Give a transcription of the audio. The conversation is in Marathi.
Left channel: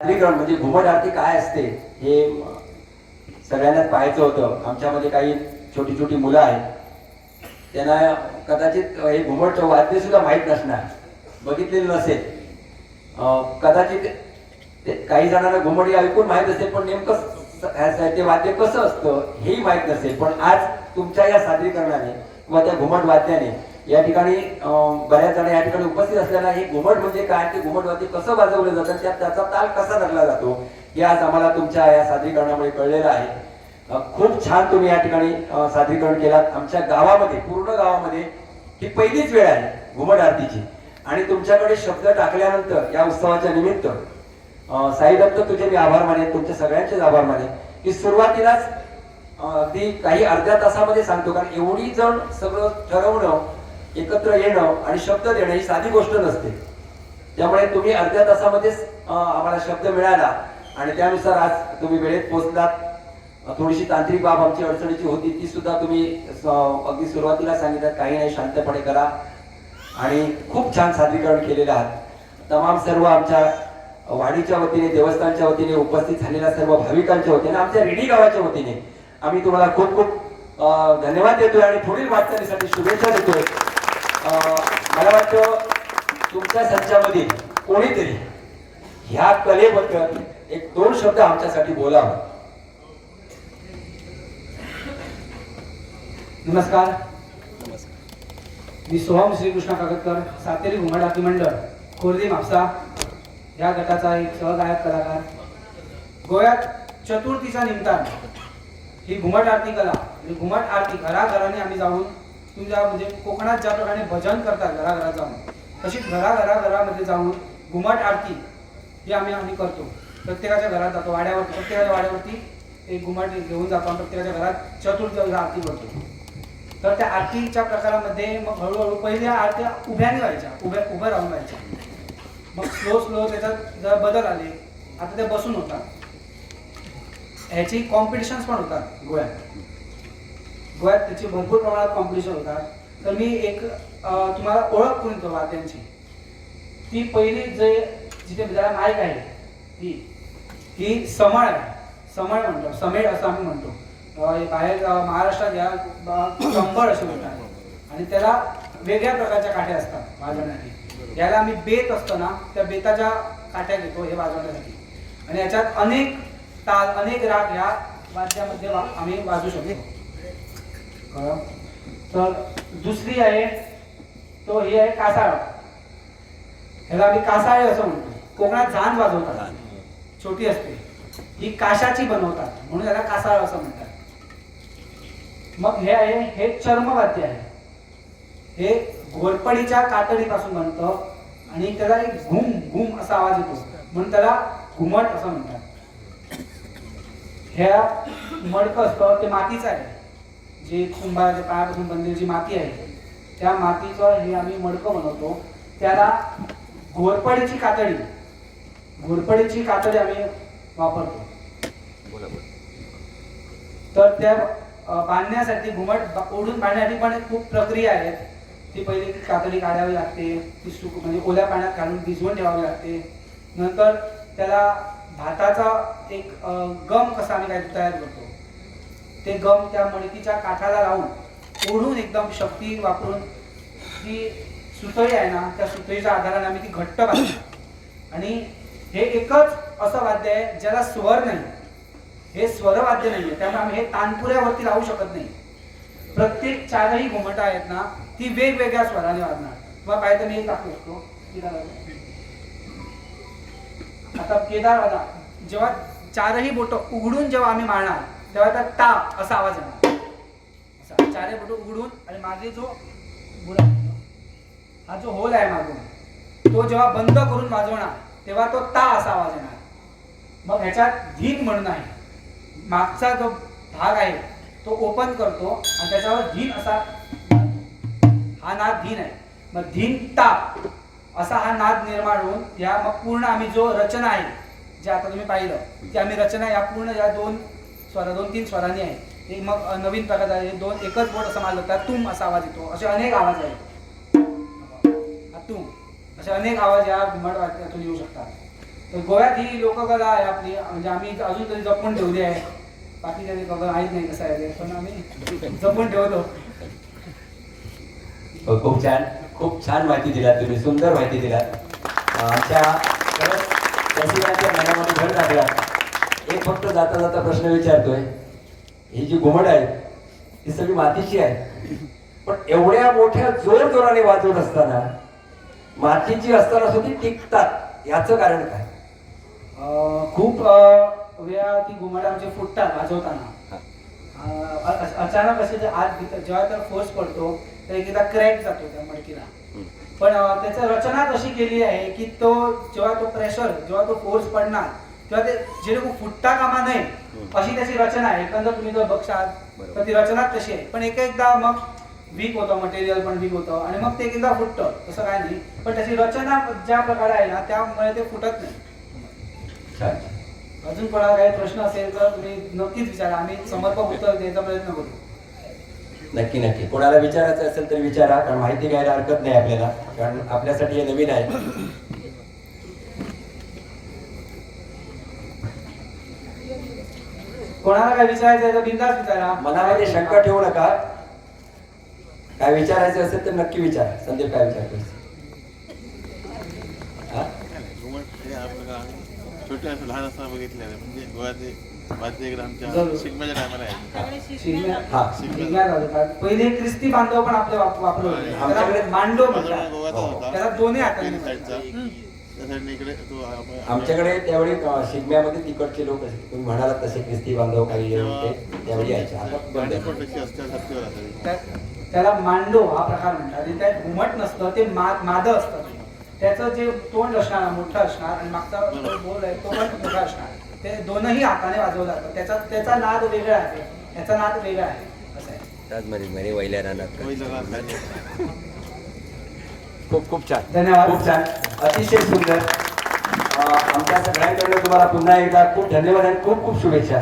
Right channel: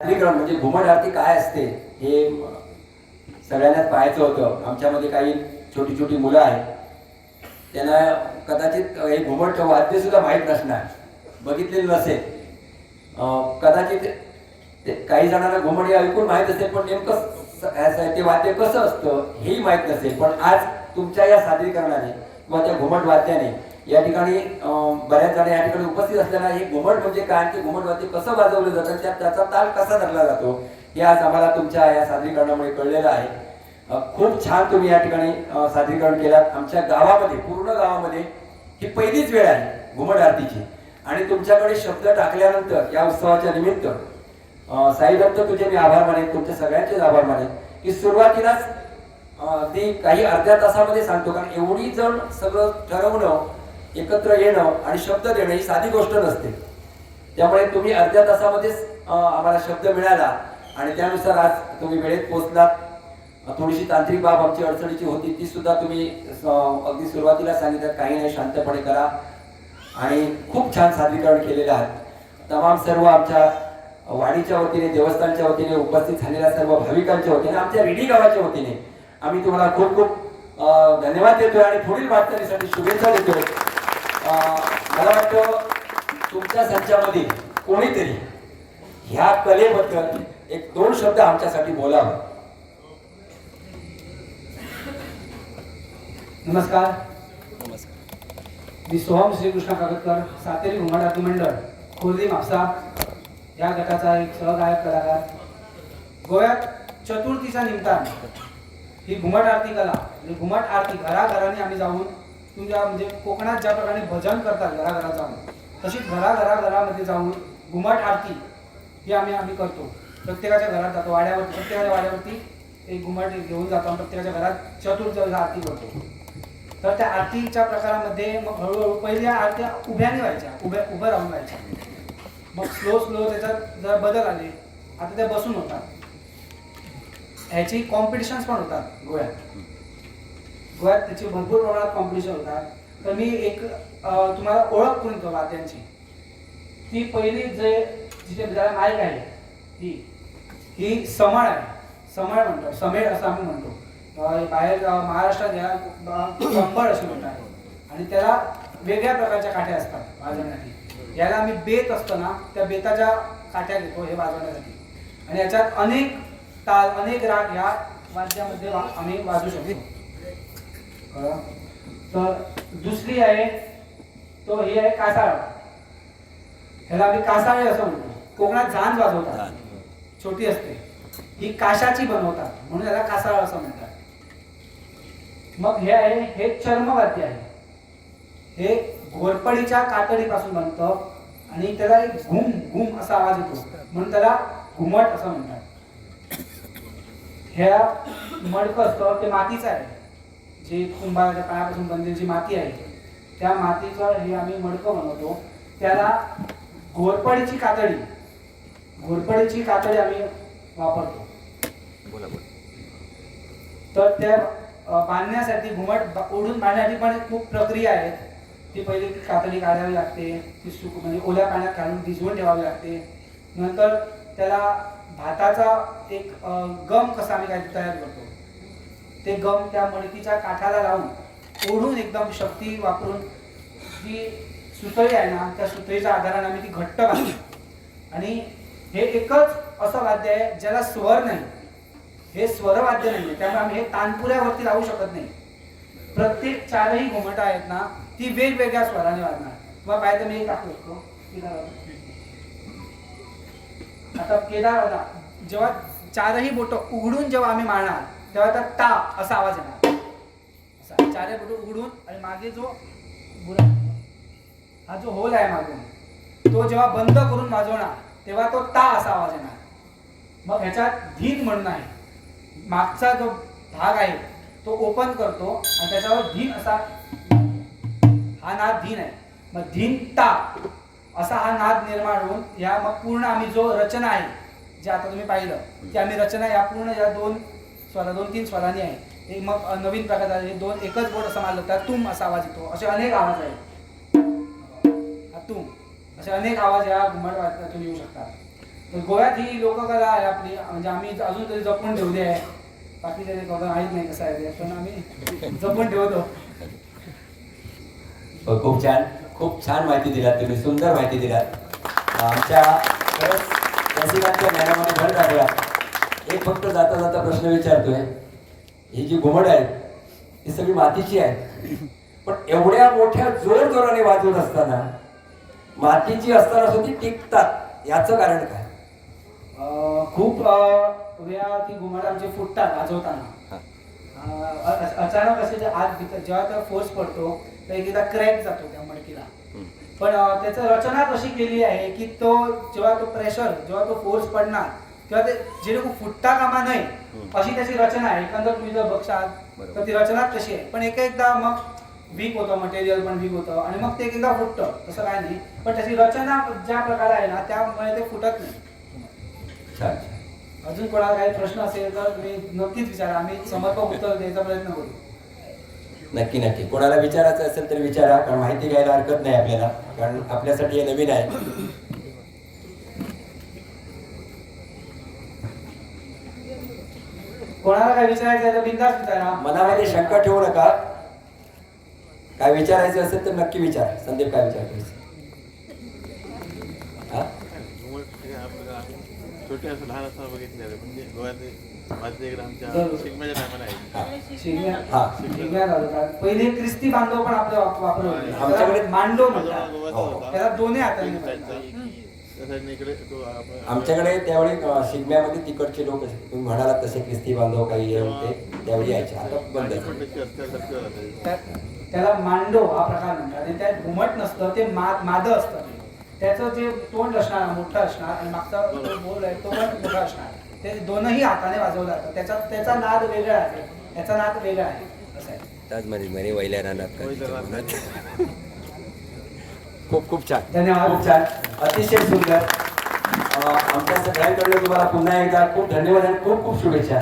सादरीकरण म्हणजे घुमट आरती काय असते हे सगळ्यांनाच पाहायचं होतं. आमच्यामध्ये काही छोटी छोटी मुलं आहेत. त्यांना कदाचित हे घुमट वाद्य सुद्धा माहीत नसणार. बघितलेलं नसेल. कदाचित ते काही जणांना घुमट हे ऐकून माहीत असेल पण नेमकं ते वाद्य कसं असतं हेही माहीत नसेल. पण आज तुमच्या या सादरीकरणाने किंवा त्या घुमट वाद्याने या ठिकाणी बऱ्याच जण या ठिकाणी उपस्थित असलेला हे घुमट म्हणजे काय? ते घुमटवरती कसं वाजवलं जातं? त्यात त्याचा ताल कसा लागला जातो? हे आज आम्हाला तुमच्या या सादरीकरणामुळे कळलेलं आहे. खूप छान तुम्ही या ठिकाणी सादरीकरण केलात. आमच्या गावामध्ये पूर्ण गावामध्ये ही पहिलीच वेळ आहे घुमट आरतीची. आणि तुमच्याकडे शब्द टाकल्यानंतर या उत्सवाच्या निमित्त साईदत्त तुझे मी आभार मानेन तुमच्या सगळ्यांचेच आभार मानेन. की सुरुवातीलाच ती काही अर्ध्या तासामध्ये सांगतो. कारण एवढी जण सगळं ठरवणं एकत्र येणं आणि शब्द देणं ही साधी गोष्ट नसते. त्यामुळे तुम्ही अर्ध्या तासामध्येच आम्हाला शब्द मिळाला आणि त्यानुसार आज तुम्ही वेळेत पोहोचलात. थोडीशी तांत्रिक बाब आमची अडचणीची होती ती सुद्धा तुम्ही अगदी सुरुवातीला सांगितलं काही नाही शांतपणे करा. आणि खूप छान सादरीकरण केलेलं आहात तमाम सर्व आमच्या वाडीच्या वतीने देवस्थानच्या वतीने उपस्थित झालेल्या सर्व भाविकांच्या वतीने आमच्या रेडी गावाच्या वतीने आम्ही तुम्हाला खूप खूप धन्यवाद देतोय आणि पुढील वाटचालीसाठी शुभेच्छा देतोय. मला वाटतं तुमच्या संचामध्ये कोणीतरी ह्या कलेबद्दल एक दोन शब्द आमच्यासाठी बोलावं. नमस्कार. मी सोहम श्रीकृष्ण कागदकर सातेरी घुमट आरती मंडळ खुर्दी म्हापसा. या गटाचा एक सहगायक कलाकार. गोव्यात चतुर्थीच्या निमतान ही घुमट आरती कला घुमट आरती घराघरांनी आम्ही जाऊन तुमच्या म्हणजे कोकणात ज्या प्रकारे भजन करतात घराघरात जाऊन तशीच घराघराघरामध्ये जाऊन घुमट आरती ही आम्ही आम्ही करतो. प्रत्येकाच्या घरात जातो. वाड्यावरती प्रत्येकाच्या वाड्यावरती एक घुमट घेऊन जातो आणि प्रत्येकाच्या घरात चतुर्थीचा आरती करतो. तर त्या आरतीच्या प्रकारामध्ये मग हळूहळू पहिल्या आरत्या उभ्याने व्हायच्या. उभ्या उभ्या राहून व्हायच्या. मग स्लो स्लो त्याच्यात जरा बदल आले. आता ते बसून होतात. ह्याची कॉम्पिटिशन्स पण होतात गोव्यात. गोव्यात त्याची भरपूर प्रमाणात कॉम्पिटिशन होतात. तर मी एक तुम्हाला ओळख करून देतो वाद्यांची ती पहिली जे जिथे ज्याला नायक आहे ती ही समाळ आहे. समाळ म्हणतो समेळ असं आम्ही म्हणतो. हे बाहेर महाराष्ट्रात या कंबळ अशी म्हणतात आणि त्याला वेगळ्या प्रकारच्या काठ्या असतात वाजवण्यासाठी. ज्याला आम्ही बेत असतो ना त्या बेताच्या काठ्या घेतो हे वाजवण्यासाठी. आणि याच्यात अनेक ताल अनेक राग ह्या वाद्यामध्ये वा- आम्ही वाजवू शकतो. तर दुसरी आहे तो ही आहे कासाळ. ह्याला आम्ही कासाळे असं म्हणतो. कोकणात झांज वाजवतात. छोटी असते. ही काशाची बनवतात. म्हणून त्याला कासाळ असं म्हणतात. मग हे आहे हे चर्मवाद्य आहे. हे घोरपडीच्या कातडीपासून बनतं आणि त्याला एक घुम घुम असा आवाज येतो. म्हणून त्याला घुमट असं म्हणतात. ह्या मडकं असतं ते मातीचं आहे. जे कुंभाराच्या पायापासून बनलेली जी माती आहे त्या मातीचं हे आम्ही मडकं बनवतो. त्याला घोरपडीची कातडी घोरपडीची कातडी आम्ही वापरतो. तर त्या बांधण्यासाठी घुमट ओढून बांधण्यासाठी पण खूप प्रक्रिया आहेत. ती पहिली कातडी काढावी लागते ती सुक म्हणजे ओल्या पाण्यात घालून भिजवून ठेवावी लागते. नंतर त्याला भाताचा एक गम कसा आम्ही काय तयार करतो. ते गम त्या मडकीच्या काठाला लावून ओढून एकदम शक्ती वापरून जी सुतळी आहे ना त्या सुतळीच्या आधाराने आम्ही ती घट्ट बांधली. आणि हे एकच असं वाद्य आहे ज्याला स्वर नाही. हे स्वरवाद्य नाहीये त्यामुळे आम्ही हे तानपुऱ्यावरती लावू शकत नाही. प्रत्येक चारही घुमटा आहेत ना ती वेगवेगळ्या स्वराने वाजणार. तुम्हाला पाहिजे तर मी एक शकतो? आता केदार वाजा जेव्हा चारही बोट उघडून जेव्हा आम्ही मारणार तेव्हा त्या टा असा आवाज येणार. असा चारे बटू उघडून आणि मागे जो बुरा हा जो होल आहे मागून तो जेव्हा बंद करून वाजवणार तेव्हा तो ता असा आवाज येणार. मग ह्याच्यात धीन म्हणून आहे. मागचा जो भाग आहे तो ओपन करतो आणि त्याच्यावर धीन असा हा नाद धीन आहे. मग धीन ता असा हा नाद निर्माण होऊन या मग पूर्ण आम्ही जो रचना आहे जे आता तुम्ही पाहिलं की आम्ही रचना या पूर्ण या दोन स्वर दोन तीन स्वरांनी आहे. एक मग नवीन प्रकार आहे दोन एकच बोट असं मारलं तर तुम असा आवाज येतो. असे अनेक आवाज आहेत. हा तुम. असे अनेक आवाज या घुमट वाद्यातून येऊ शकतात. तर गोव्यात ही लोककला आहे आपली. म्हणजे आम्ही अजून तरी जपून ठेवली आहे. बाकी त्याने बाबा आहेत नाही कसं आहे. ते पण आम्ही जपून ठेवतो. हो, खूप छान. खूप छान माहिती दिलात तुम्ही. सुंदर माहिती दिलात. आमच्या परत रसिकांच्या मनामध्ये भर टाकला एक फक्त जाता जाता प्रश्न विचारतोय. ही जी घुमड आहे ही सगळी मातीची आहे. पण एवढ्या मोठ्या जोर जोराने वाजवत असताना मातीची असताना सुद्धा ती टिकतात. याचं कारण काय? खूप वेळा ती घुमट आमचे फुटतात वाजवताना. अचानक असे जे आत जेव्हा त्या फोर्स पडतो तर एकदा क्रॅक जातो त्या मडकीला. पण त्याचं रचना कशी केली आहे की तो जेव्हा तो प्रेशर जेव्हा तो फोर्स पडणार तेव्हा ते जे लोक फुटता कामा नये अशी त्याची रचना आहे. एकंदर तुम्ही जर बघशाल तर ती रचना तशी आहे. पण एक एकदा मग वीक होतं मटेरियल पण वीक होतं आणि मग ते एक एकदा फुटतं. तसं काय नाही. पण त्याची रचना ज्या प्रकारे आहे ना त्यामुळे ते फुटत नाही. अजून कोणाला काही प्रश्न असेल तर मी नक्कीच विचारा. आम्ही समर्पक उत्तर द्यायचा प्रयत्न करू. नक्की नक्की. कोणाला विचारायचं असेल तर विचारा कारण माहिती घ्यायला हरकत नाही आपल्याला कारण आपल्यासाठी हे नवीन आहे. कोणाला काय विचारायचं आहे तर बिंदास विचारा. मनामध्ये शंका ठेवू नका. काय विचारायचे असेल तर नक्की विचारा. संदीप काय विचारतोय? घुमट आपल्याला छोटे असं लहान असताना बघितले आहे. म्हणजे गोव्यातले माझे इकडे आमच्या जरूर. शिगम्याच्या टायमाला आहे. शिगम्या- हा. शिगम्या घालतात पहिले ख्रिस्ती बांधव पण आपले वाप- वापरत होते. आमच्याकडे त्याला मांडो माझा म्हणतात. त्याला दोन्ही हाताने आमच्याकडे त्यावेळी शिगम्यामध्ये तिकडचे लोक तुम्ही म्हणालात तसे ख्रिस्ती बांधव काही हे होते त्यावेळी यायचे. आता त्याला मांडो हा प्रकार म्हणतात. आणि त्यात घुमट नसतं ते मा माद असतं त्याचं जे तोंड असणार मोठं असणार आणि मागचा बोल आहे तो पण मोठा असणार. ते दोनही हाताने वाजवलं जातं. त्याचा त्याचा नाद वेगळा आहे. त्याचा नाद वेगळा आहे. असं आहे. त्याचमध्ये बरे वैल्या रात. खूप खूप छान. धन्यवाद. खूप छान. अतिशय सुंदर. आमच्या सगळ्यांकडे तुम्हाला पुन्हा एकदा खूप धन्यवाद आणि खूप खूप शुभेच्छा.